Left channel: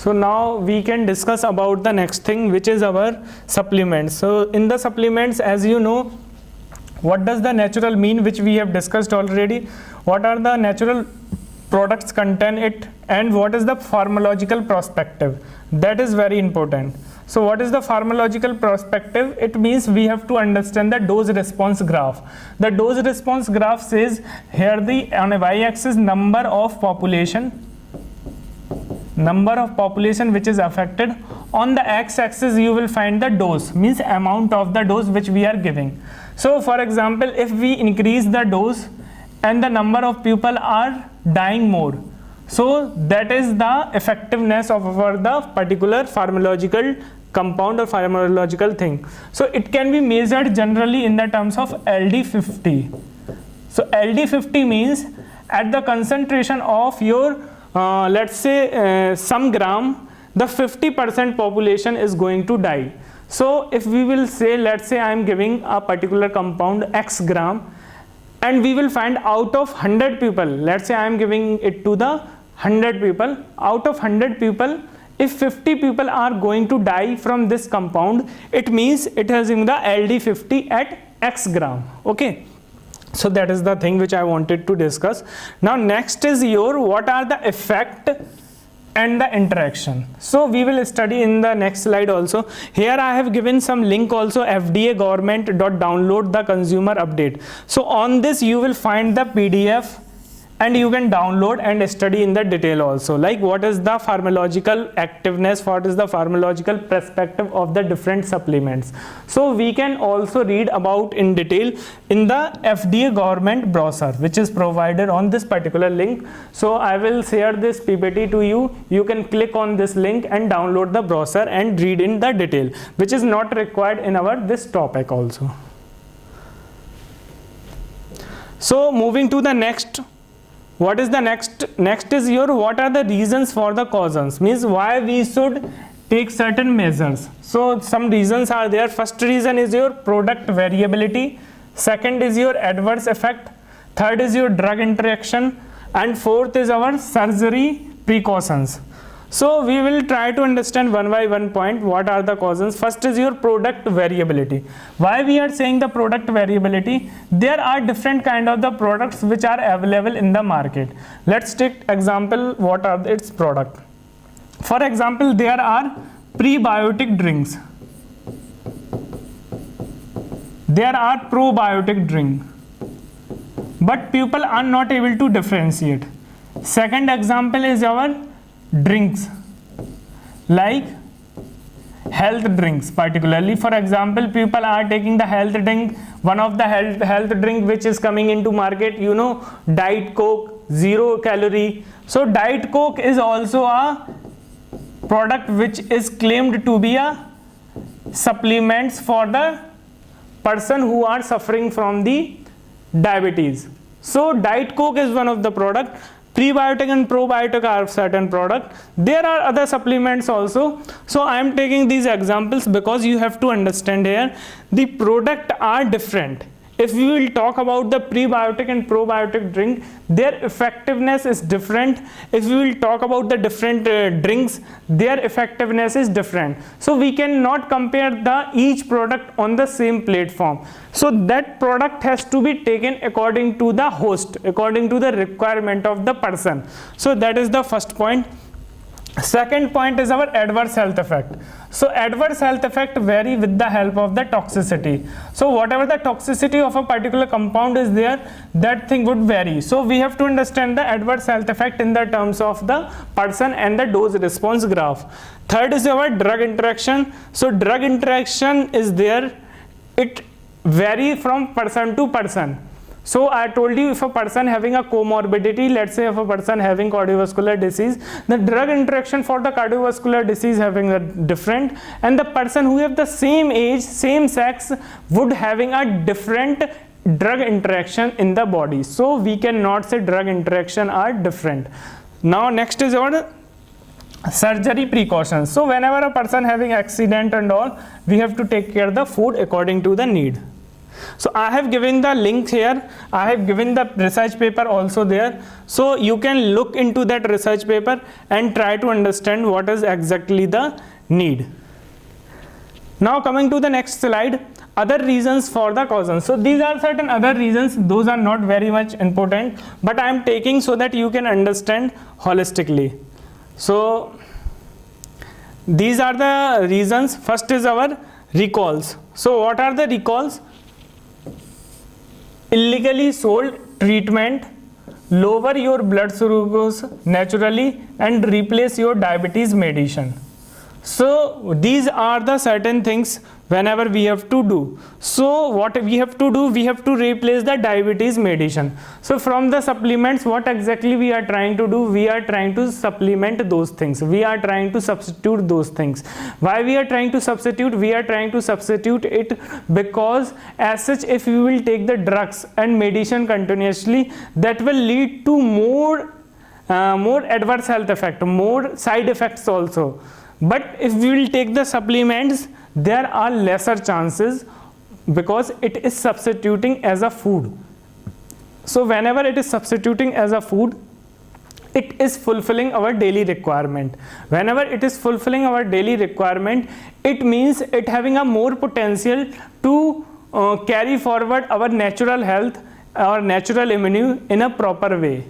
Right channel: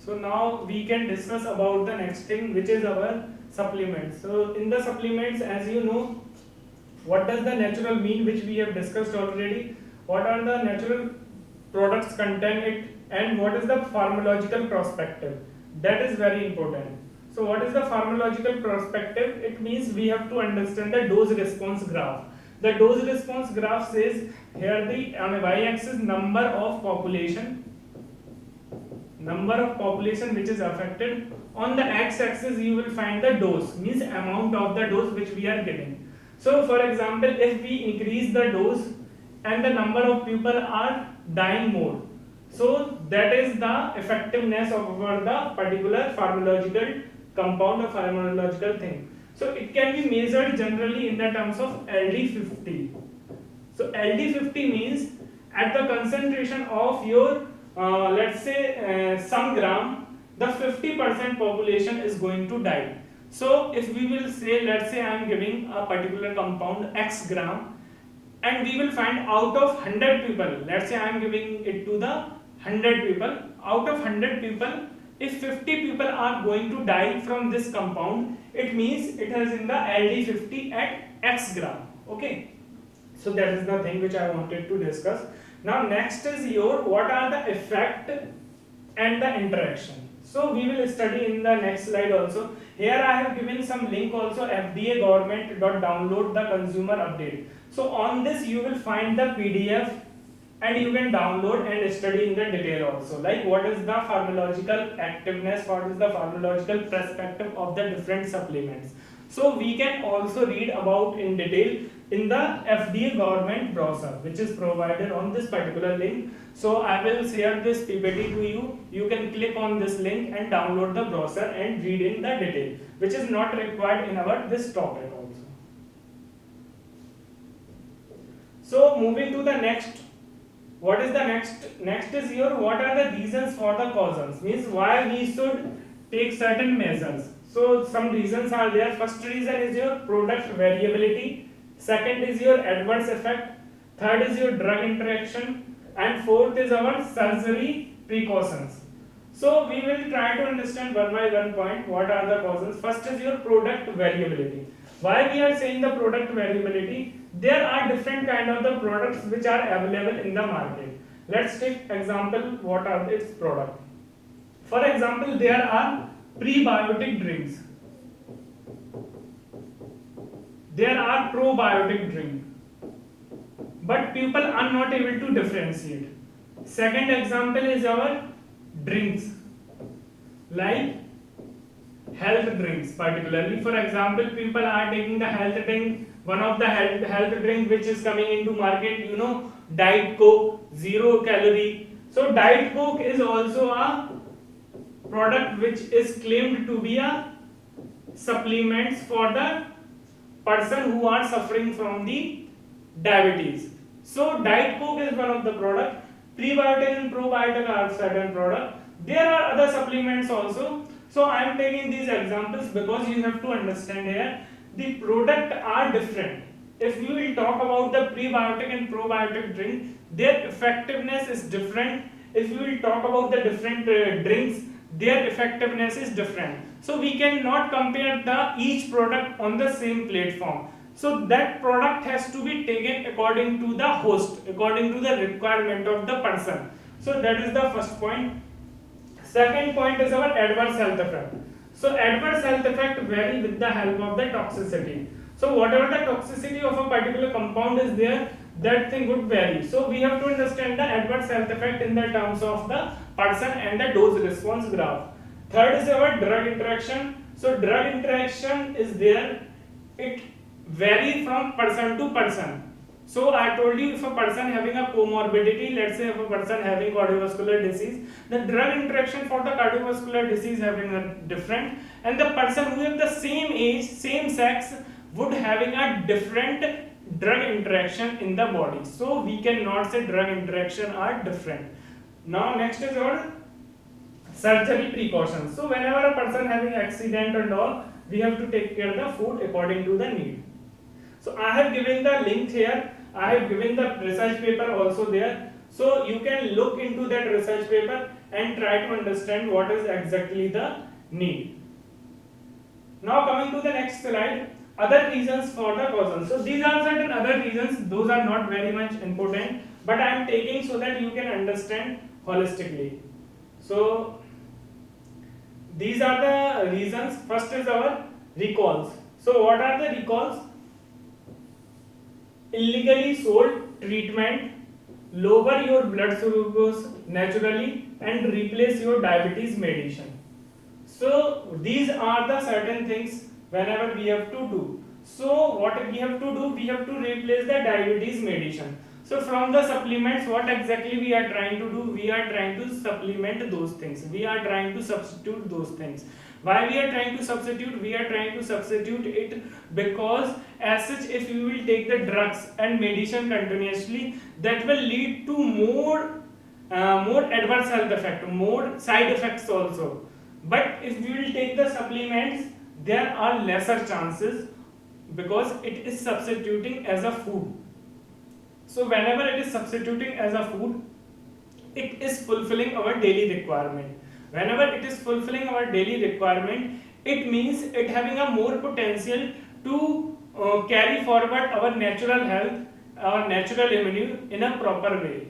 So now we can discuss about the next thing, which is our supplements. So in the supplements, as you know, what does the natural mean, which we have discussed already, what are the natural products contain it, and what is the pharmacological perspective. That is very important. So what is the pharmacological perspective? It means we have to understand the dose response graph. The dose response graph says here on a y-axis number of population which is affected. On the x-axis you will find the dose, means amount of the dose which we are giving. So for example, if we increase the dose and the number of people are dying more, so that is the effectiveness of the particular pharmacological compound or pharmacological thing. So it can be measured generally in the terms of LD50. So LD50 means at the concentration of your let's say some gram, the 50% population is going to die. So if we will say, let's say I am giving a particular compound X gram, and we will find out of 100 people, let's say I am giving it to the 100 people, out of 100 people, if 50 people are going to die from this compound, it means it has in the LD50 at X gram. Okay. So that is the thing which I wanted to discuss. Now next is what are the effect and the interaction. So we will study in the next slide also. Here I have given some link also, FDA government.download the consumer update. So on this you will find the PDF and you can download and study in the detail also, like what is the pharmacological activeness, what is the pharmacological perspective of the different supplements. So we can also read about in detail in the FDA government brochure which is provided on this particular link. So I will share this PPT to you. You can click on this link and download the brochure and read in the detail, which is not required in our this topic also. So moving to the next, what is the next is what are the reasons for the causes, means why we should take certain measures. So some reasons are there. First reason is your product variability, second is your adverse effect, third is your drug interaction, and fourth is our surgery precautions. So we will try to understand one by one point what are the causes. First is your product variability. Why we are saying the product variability? There are different kind of the products which are available in the market. Let's take example, what are its product. For example, there are prebiotic drinks. There are probiotic drink. But people are not able to differentiate. Second example is our drinks, like health drinks particularly. For example, people are taking the health drink. One of the health drink which is coming into market, you know, Diet Coke, 0 calorie. So Diet Coke is also a product which is claimed to be a supplements for the person who are suffering from the diabetes. So Diet Coke is one of the product. Prebiotic and probiotic are certain product. There are other supplements also. So I am taking these examples because you have to understand here the product are different. If we will talk about the prebiotic and probiotic drink, their effectiveness is different. If we will talk about the different drinks, their effectiveness is different. So we cannot compare each product on the same platform. So that product has to be taken according to the host, according to the requirement of the person. So that is the first point. Second point is our adverse health effect. So adverse health effect vary with the help of the toxicity. So whatever the toxicity of a particular compound is there, that thing would vary. So we have to understand the adverse health effect in the terms of the person and the dose response graph. Third is our drug interaction. So drug interaction is there. It vary from person to person. So I told you, if a person having a comorbidity, let's say if a person having cardiovascular disease, the drug interaction for the cardiovascular disease having a different, and the person who have the same age, same sex would having a different drug interaction in the body. So we cannot say drug interaction are different. Now next is our surgery precautions. So whenever a person having accident and all, we have to take care of the food according to the need. So I have given the link here, I have given the research paper also there, so you can look into that research paper and try to understand what is exactly the need. Now coming to the next slide, other reasons for the causes. So these are certain other reasons, those are not very much important, but I am taking so that you can understand holistically. So these are the reasons. First is our recalls. So what are the recalls? Illegally sold treatment, lower your blood glucose naturally and replace your diabetes medicine. So these are the certain things whenever we have to do. So what we have to do, we have to replace the diabetes medicine. So from the supplements, what exactly we are trying to do, we are trying to supplement those things, we are trying to substitute those things. Why we are trying to substitute? We are trying to substitute it because as such, if we will take the drugs and medicine continuously, that will lead to more adverse health effect, more side effects also. But if we will take the supplements, there are lesser chances because it is substituting as a food. So whenever it is substituting as a food, it is fulfilling our daily requirement. Whenever it is fulfilling our daily requirement, it means it having a more potential to carry forward our natural health, our natural immunity in a proper way.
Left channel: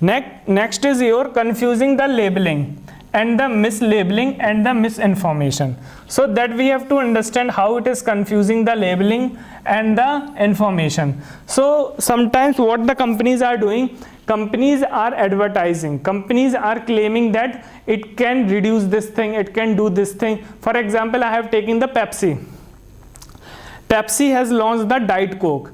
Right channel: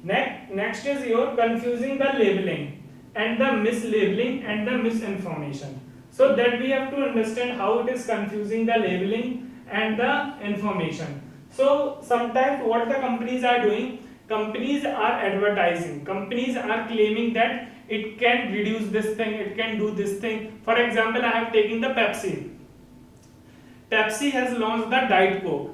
Next is your confusing the labeling and the mislabeling and the misinformation. So that we have to understand how it is confusing the labeling and the information. So sometimes what the companies are doing, companies are advertising, companies are claiming that it can reduce this thing, it can do this thing. For example, I have taken the Pepsi. Pepsi has launched the Diet Coke.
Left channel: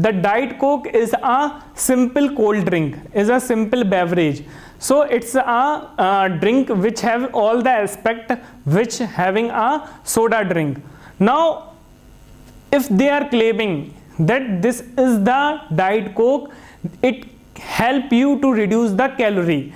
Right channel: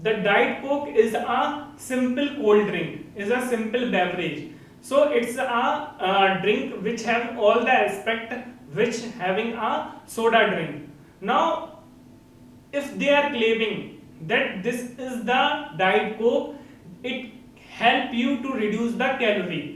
The Diet Coke is a simple cold drink, is a simple beverage. So it's a drink which have all the aspect which having a soda drink. Now if they are claiming that this is the Diet Coke, it help you to reduce the calorie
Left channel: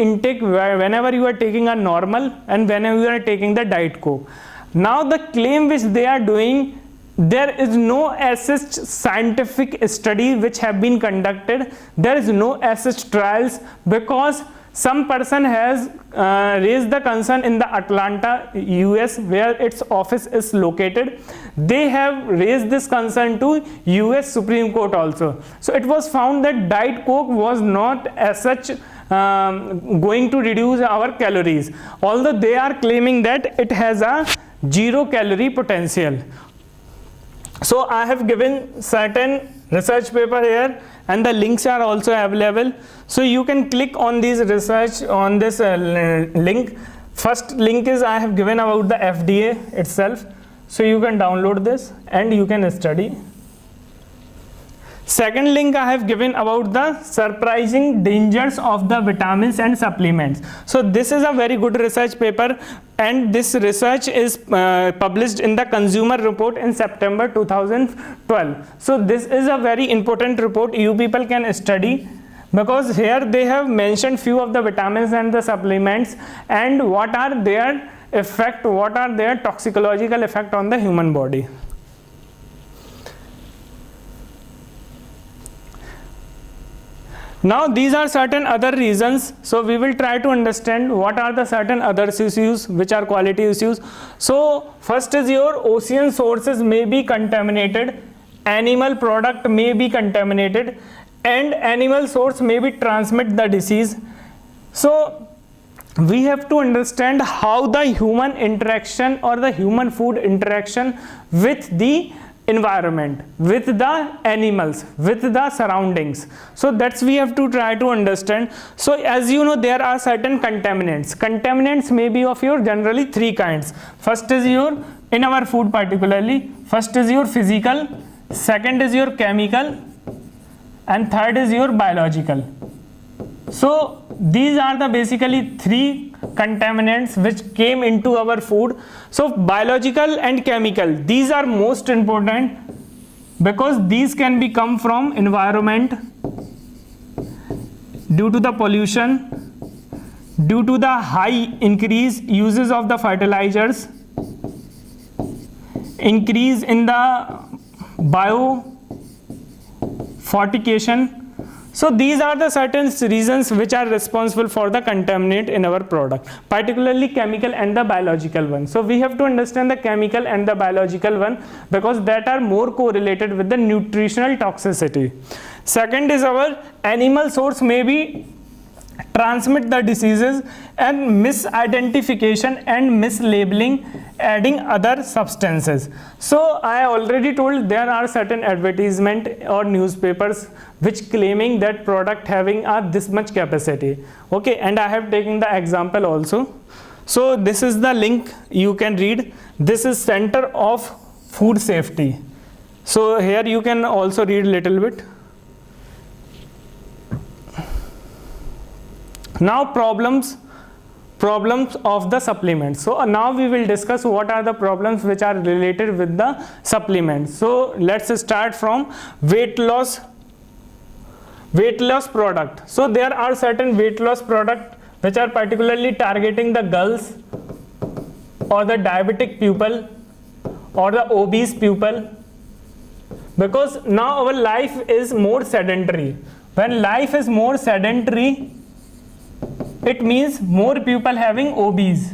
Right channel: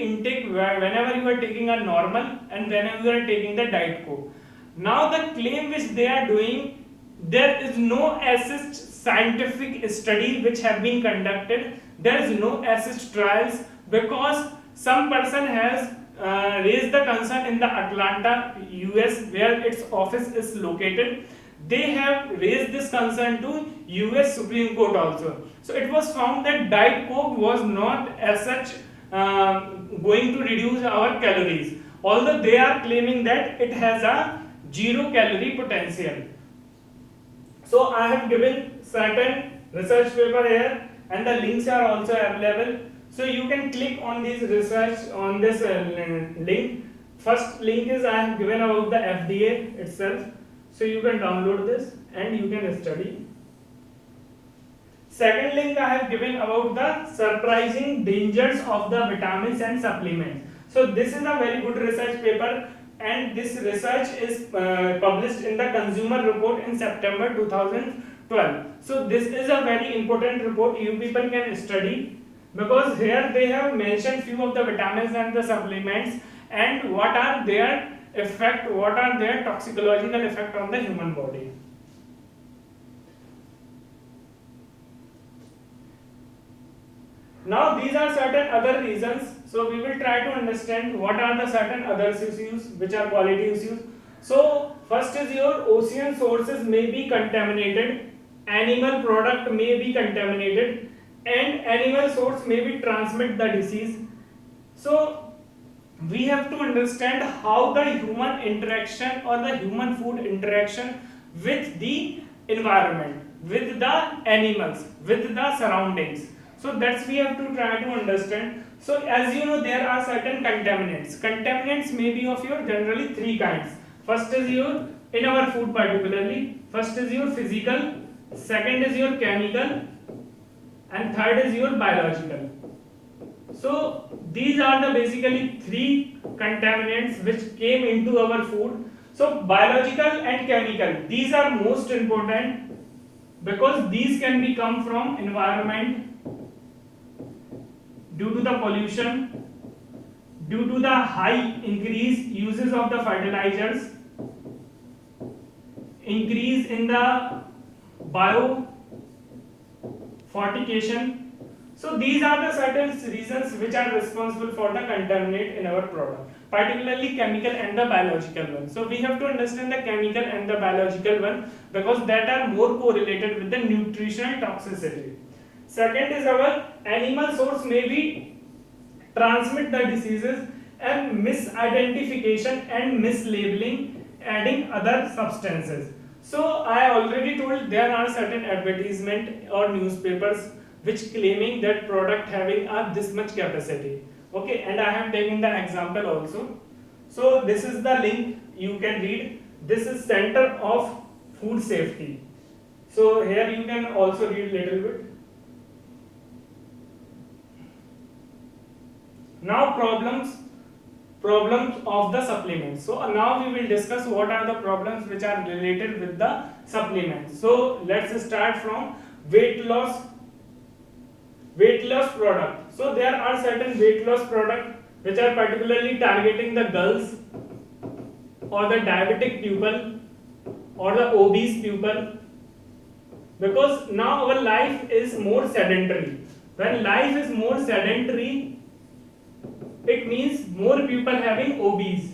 intake whenever you are taking a normal and whenever you are taking the Diet Coke. Now the claim which they are doing, there is no such scientific study which have been conducted, there is no such trials, because some person has raised the concern in the Atlanta, US, where its office is located. They have raised this concern to US Supreme Court also. So it was found that Diet Coke was not as such going to reduce our calories, although they are claiming that it has a 0 calorie potential. So I have given certain research paper here and the links are also available. So you can click on these research on this link. First link is I have given about the FDA itself. So you can download this and you can study. Second link I have given about the surprising dangers of the vitamins and supplements. So this is a very good research paper and this research is published in the Consumer Report in September 2012. So this is a very important report you people can study, because here they have mentioned few of the vitamins and the supplements and what are their effect, what are their toxicological effect on the human body. Now these are certain other reasons, so we will try to understand what are the certain other issues which are quality issues. So first is your ocean sources may be contaminated, animal product may be contaminated, and animal source may be transmit the disease. So we have to understand how the human interaction or the human food interaction with the environment, with the animals, with the surroundings. So that's we have to try to understand. So as you know, there are certain contaminants. Contaminants may be of your generally 3 kinds. First is your, in our food particularly, first is your physical, second is your chemical, and third is your biological. So these are the basically 3 contaminants which came into our food. So biological and chemical, these are most important because these can be come from environment, due to the pollution, due to the high increase uses of the fertilizers, increase in the biofortification. So these are the certain reasons which are responsible for the contaminant in our product, particularly chemical and the biological one. So we have to understand the chemical and the biological one because that are more correlated with the nutritional toxicity. Second is our animal source may be transmit the diseases and misidentification and mislabeling adding other substances. So I already told there are certain advertisement or newspapers which claiming that product having this much capacity. Okay, and I have taken the example also. So this is the link you can read. This is Center of Food Safety. So here you can also read little bit. Now problems of the supplements. So now we will discuss what are the problems which are related with the supplements. So let's start from weight loss product. So there are certain weight loss product which are particularly targeting the girls or the diabetic people or the obese people, because now our life is more sedentary. When life is more sedentary, it means more people having obese.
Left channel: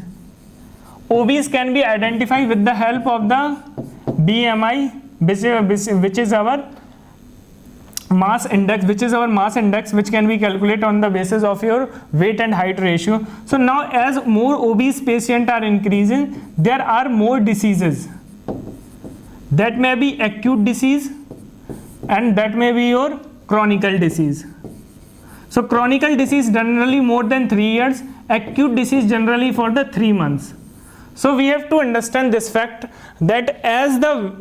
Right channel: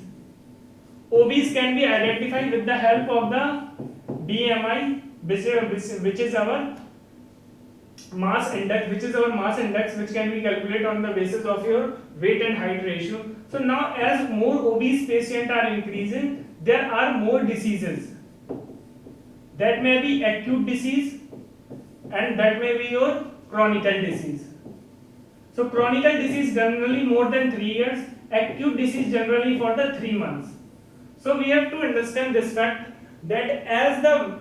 Obese can be identified with the help of the BMI, which is our mass index, which can be calculated on the basis of your weight and height ratio. So now as more obese patients are increasing, there are more diseases. That may be acute disease and that may be your chronic disease. So chronic disease generally more than 3 years, acute disease generally for the 3 months. So we have to understand this fact that as the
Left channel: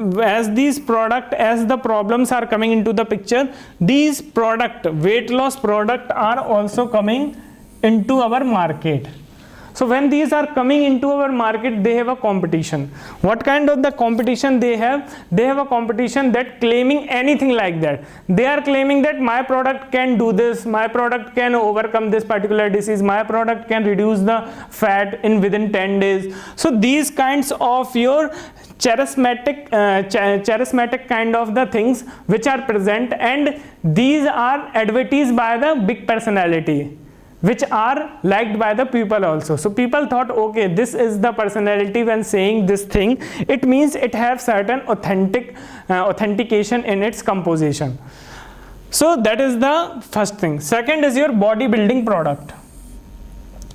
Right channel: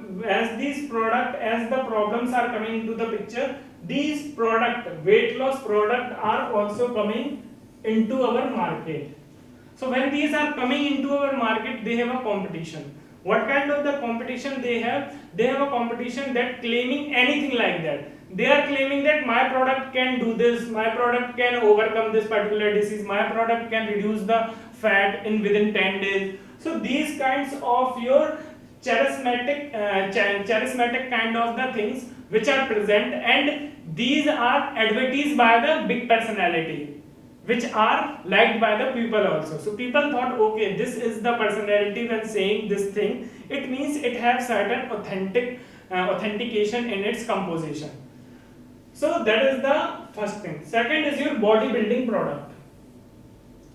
problems are coming into the picture, these weight loss product are also coming into our market. So when these are coming into our market, they have a competition. What kind of the competition they have? They have a competition that claiming anything like that. They are claiming that my product can do this, my product can overcome this particular disease, my product can reduce the fat within 10 days. So these kinds of your charismatic kind of the things which are present, and these are advertised by the big personality, which are liked by the people also. So people thought, okay, this is the personality when saying this thing, it means it has certain authentication in its composition. So that is the first thing. Second is your bodybuilding product.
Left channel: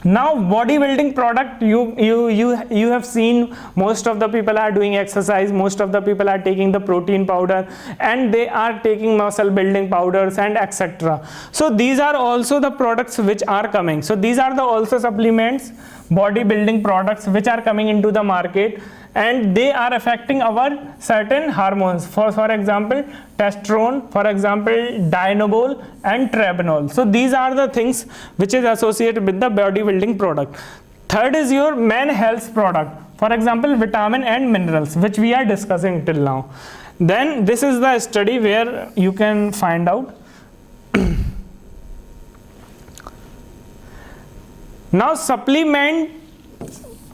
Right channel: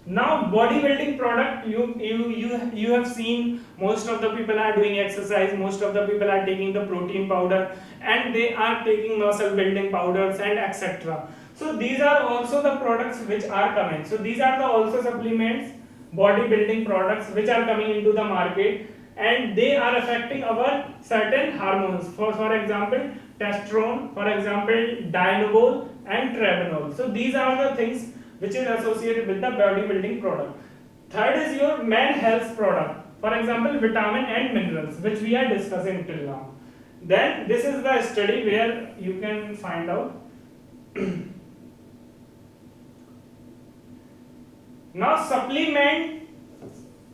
Now bodybuilding product, you have seen most of the people are doing exercise, most of the people are taking the protein powder, and they are taking muscle building powders and etc. So these are also the products which are coming. So these are the also supplements, bodybuilding products which are coming into the market, and they are affecting our certain hormones. For example, testosterone, for example, dianabol and tretinoin. So these are the things which is associated with the bodybuilding product. Third is your man health product, for example, vitamin and minerals, which we are discussing till now. Then this is the study where you can find out. Now supplement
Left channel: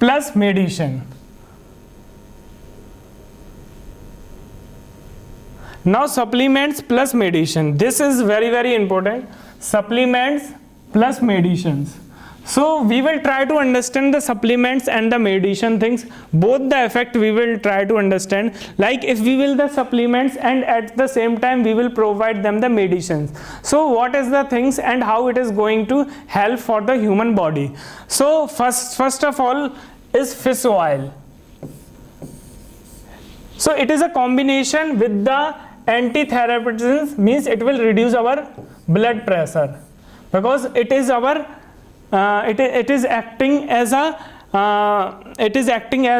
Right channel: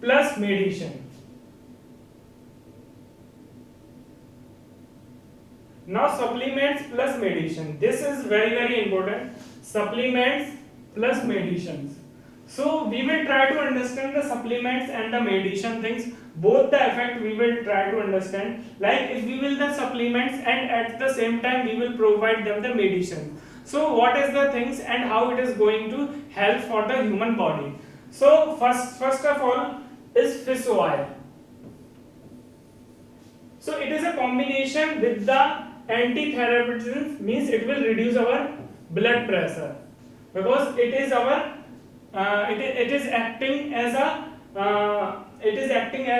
plus medicine. Now supplements plus medicine. This is very, very important. Supplements plus medicines. So we will try to understand the supplements and the medicine things. Both the effect we will try to understand. Like if we will the supplements and at the same time we will provide them the medicines. So what is the things and how it is going to help for the human body. So first of all is fish oil. So it is a combination with the antithyroidism, means it will reduce our blood pressure, because it is our it is acting as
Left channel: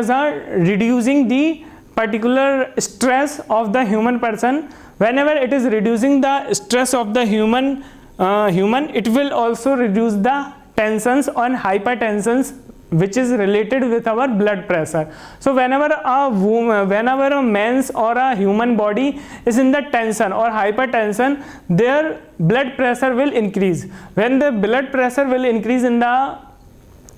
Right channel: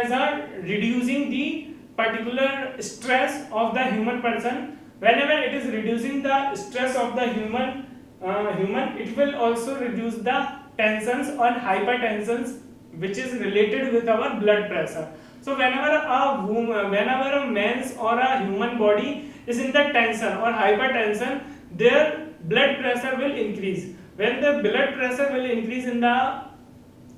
a reducing the particular stress of the human person. Whenever it is reducing the stress of the human, it will also reduce the tensions on hypertensions which is related with our blood pressure. So whenever a man's or a human body is in the tension or hypertension, their blood pressure will increase. When the blood pressure will increase in the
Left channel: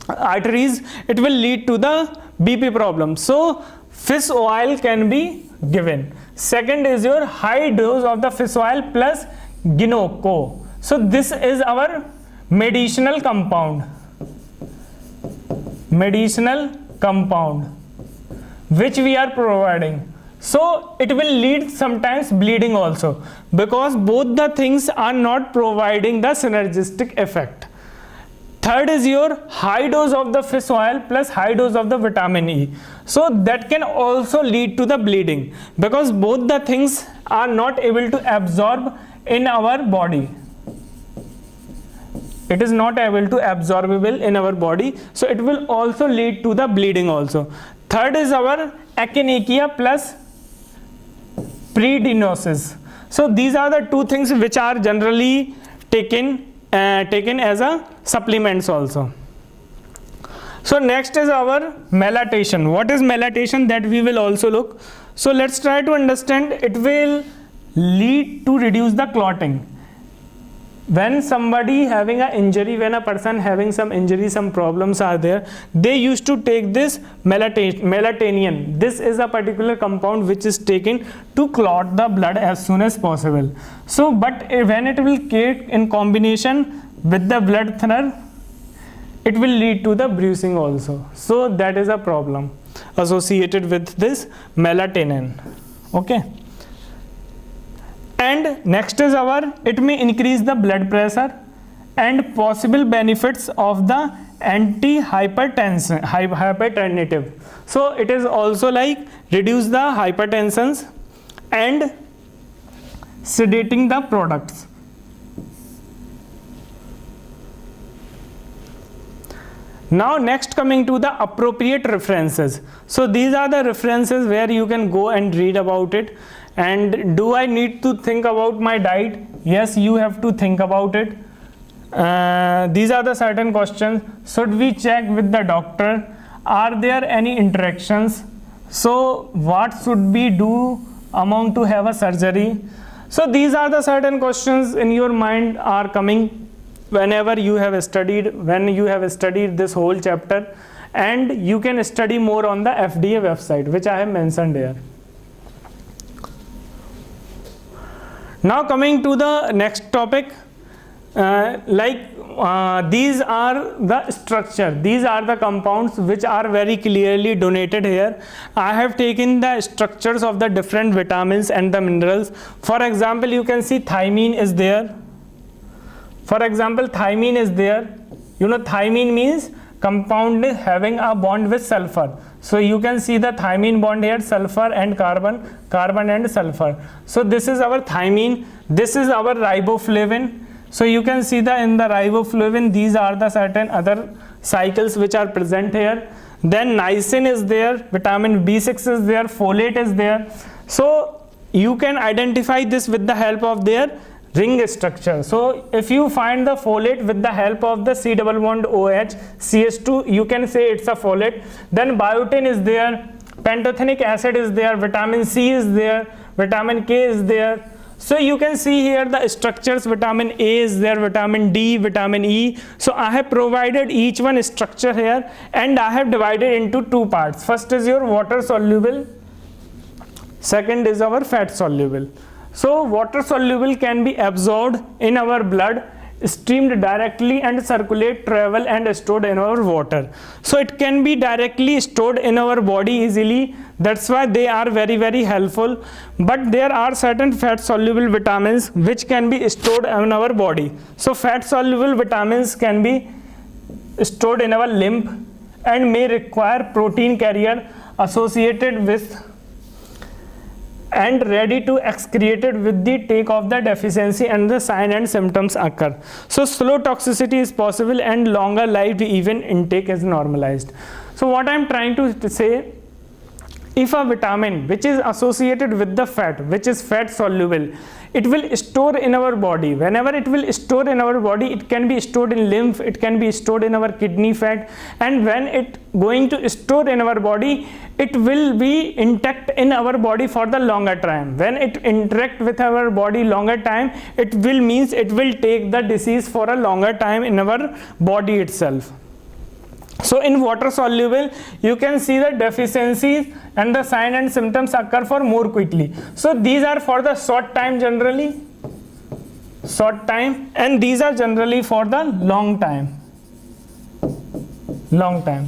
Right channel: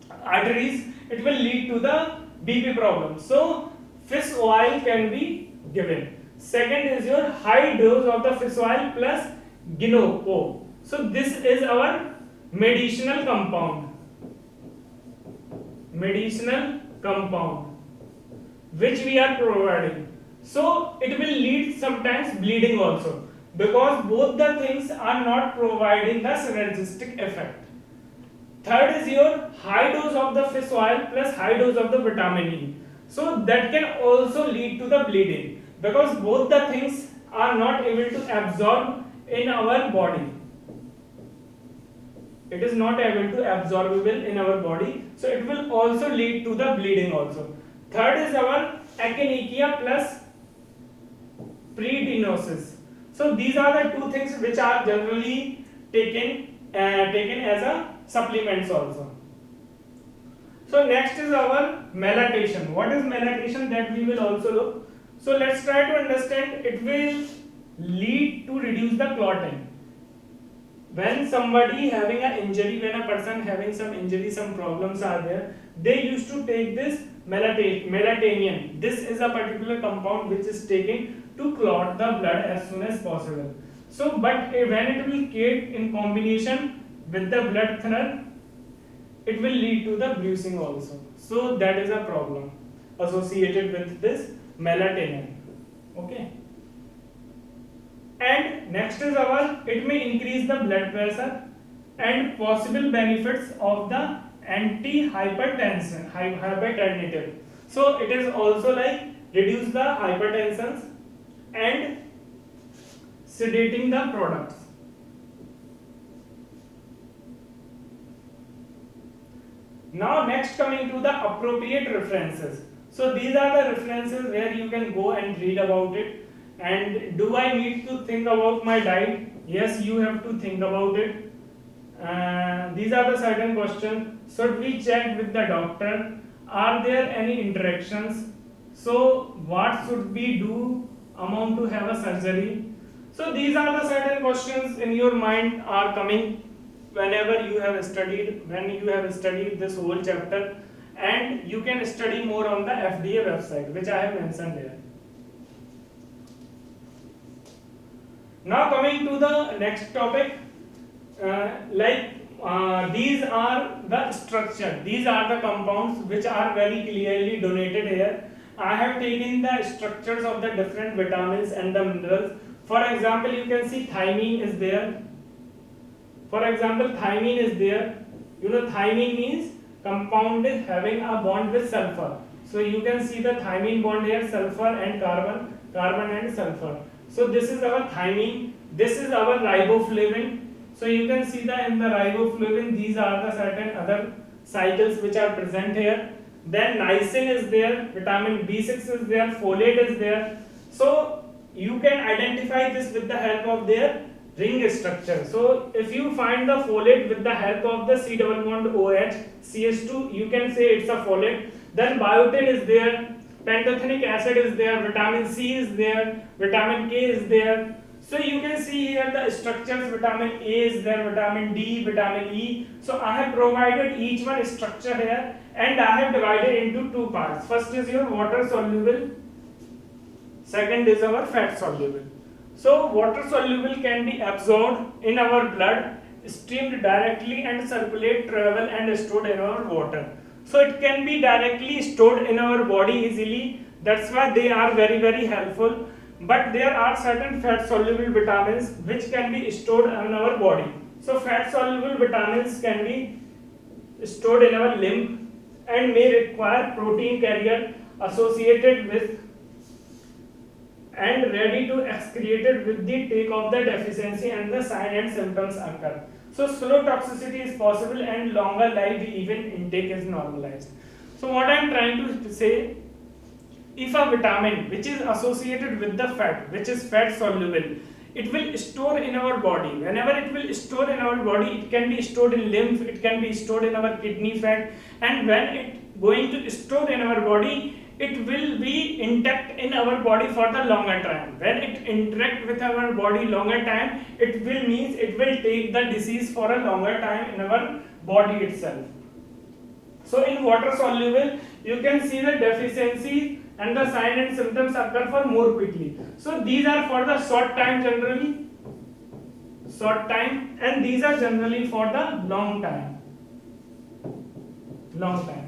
arteries, it will lead to the BP problem. So fish oil can be given. Second is your high dose of the fish oil plus ginkgo. So this is our medicinal compound which we are providing. So it will lead sometimes bleeding also, because both the things are not providing the synergistic effect. Third is your high dose of the fish oil plus high dose of the vitamin E. So that can also lead to the bleeding, because both the things are not able to absorb in our body. It is not able to absorbable in our body, so it will also lead to the bleeding also. Third is our echinacea plus predinosis. So these are the two things which are generally taken as a supplements also. So next is our melatonin. What is melatonin? That we will also look. So let's try to understand. It will lead to reduce the clotting. When somebody having an injury, when a person having some injury, some problems are there, they used to take this melatonin. This is a particular compound which is taken to clot the blood as soon as possible. So but when it will take in combination with the blood thinner, it will lead to the bruising also. So that is a problem associated with this melatonin. Okay. And next is it may increase the blood pressure and possible benefits of the hypertensive. So it is also like reduce the hypertensions and sedating the products. Now next, coming to the appropriate references. So these are the references where you can go and read about it. And do I need to think about my diet? Yes, you have to think about it. These are the certain questions. Should we check with the doctor? Are there any interactions? So what should we do amount to have a surgery? So these are the certain questions in your mind are coming whenever you have studied, this whole chapter, and you can study more on the FDA website, which I have mentioned here. Now coming to the next topic, these are the structure, these are the compounds which are very clearly denoted here. I have taken the structures of the different vitamins and the minerals. For example, you can see thymine is there. You know, thymine means compound having a bond with sulfur. So you can see the thymine bond here, sulfur and carbon and sulfur. So this is our thymine. This is our riboflavin. So you can see in the riboflavin, these are the certain other cycles which are present here. Then niacin is there, vitamin B6 is there, folate is there. So you can identify this with the help of their ring structure. So if you find the folate with the help of the C double bond OH CH2, you can say it's a folate. Then biotin is there, pantothenic acid is there, vitamin C is there, vitamin K is there. So you can see here the structures, vitamin A is there, vitamin D, vitamin E. So I have provided each one structure here, and I have divided into two parts. First is your water soluble, second is our fat soluble. So water soluble can be absorbed in our blood, steamed directly and circulate, travel and stored in our water. So it can be directly stored in our body easily. That's why they are very, very helpful. But there are certain fat soluble vitamins which can be stored in our body. So fat soluble vitamins can be stored in our lymph and may require protein carrier associated with and ready to excreted with the take of the deficiency, and the sign and symptoms occur. So slow toxicity is possible and longer lived even intake is normalized. So what I am trying to say, if a vitamin which is associated with the fat, which is fat soluble, it will store in our body. Whenever it will store in our body, it can be stored in lymph, it can be stored in our kidney fat, and when it going to store in our body, it will be intact in our body for the longer time. When it interact with our body longer time, it will means it will take the disease for a longer time in our body itself. So in water soluble, you can see the deficiency and the sign and symptoms occur for more quickly. So these are for the short time generally, short time, and these are generally for the long time.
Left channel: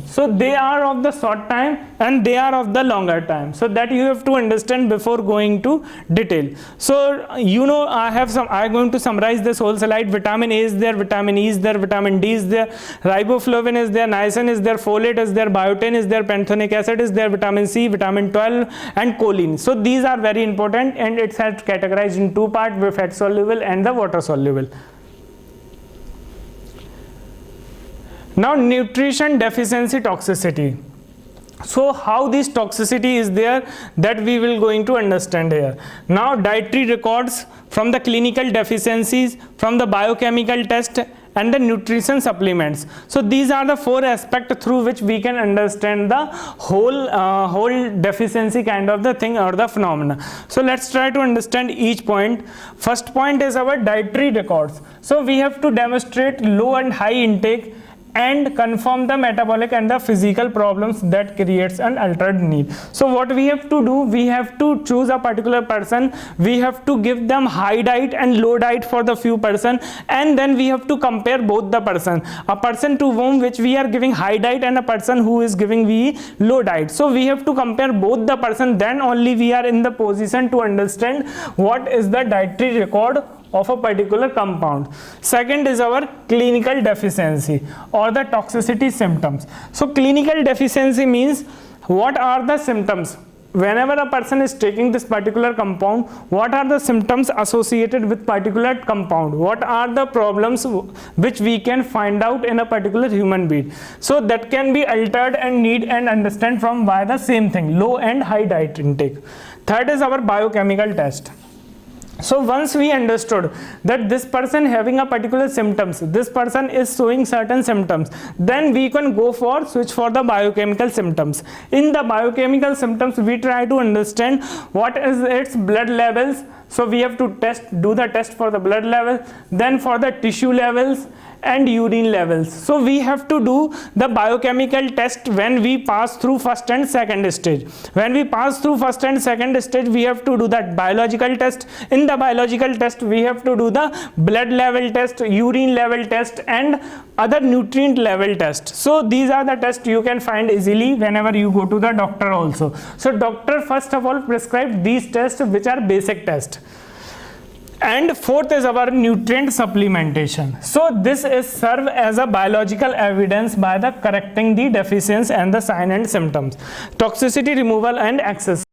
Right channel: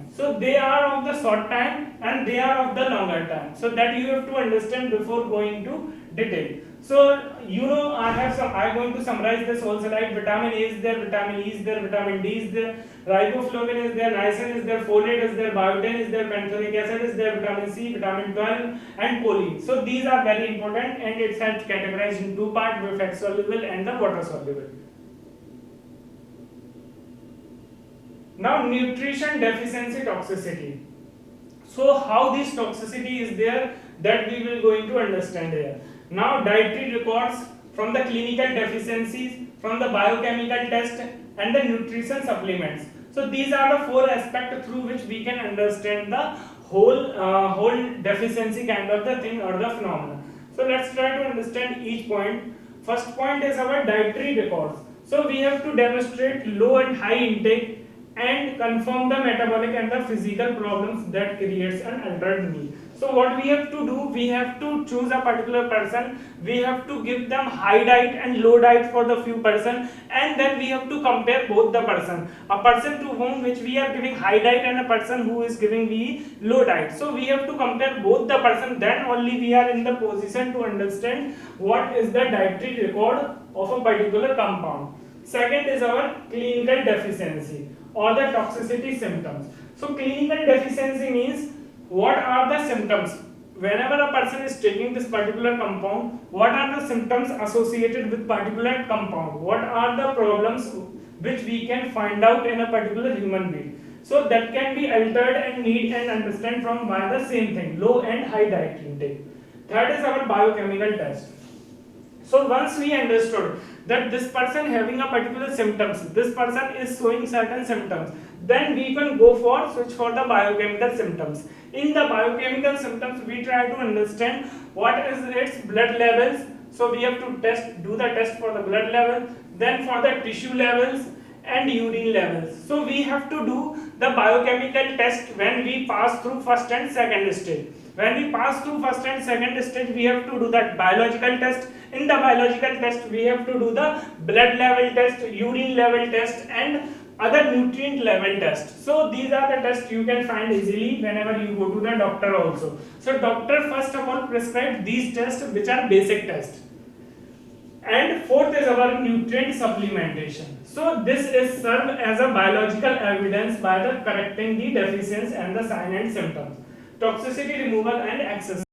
So they are of the short time and they are of the longer time. So that you have to understand before going to detail. So I'm going to summarize this whole slide. Vitamin A is there, vitamin E is there, vitamin D is there, riboflavin is there, niacin is there, folate is there, biotin is there, pantothenic acid is there, vitamin C, vitamin 12 and choline. So these are very important, and it's categorized in two parts, the fat soluble and the water soluble. Now nutrition deficiency toxicity. So how this toxicity is there, that we will going to understand here. Now dietary records from the clinical deficiencies, from the biochemical test and the nutrition supplements. So these are the four aspects through which we can understand the whole deficiency kind of the thing or the phenomena. So let's try to understand each point. First point is our dietary records. So we have to demonstrate low and high intake and confirm the metabolic and the physical problems that creates an altered need. So what we have to do, we have to choose a particular person, we have to give them high diet and low diet for the few person, and then we have to compare both the person, a person to whom which we are giving high diet and a person who is giving we low diet. So we have to compare both the person, then only we are in the position to understand what is the dietary record of a particular compound. Second is our clinical deficiency or the toxicity symptoms. So clinical deficiency means what are the symptoms whenever a person is taking this particular compound, what are the symptoms associated with particular compound, what are the problems which we can find out in a particular human being. So that can be altered and need and understand from by the same thing, low and high diet intake. Third is our biochemical test. So once we understood that this person having a particular symptoms, this person is showing certain symptoms, then we can go for switch for the biochemical symptoms. In the biochemical symptoms, we try to understand what is its blood levels. So we have to do the test for the blood level, then for the tissue levels and urine levels. So we have to do the biochemical test when we pass through first and second stage. When we pass through first and second stage, we have to do that biological test. In the biological test, we have to do the blood level test, urine level test and other nutrient level test. So these are the tests you can find easily whenever you go to the doctor also. So doctor first of all prescribe these tests, which are basic tests. And fourth is our nutrient supplementation. So this is serve as a biological evidence by the correcting the deficiency and the sign and symptoms, toxicity removal and access.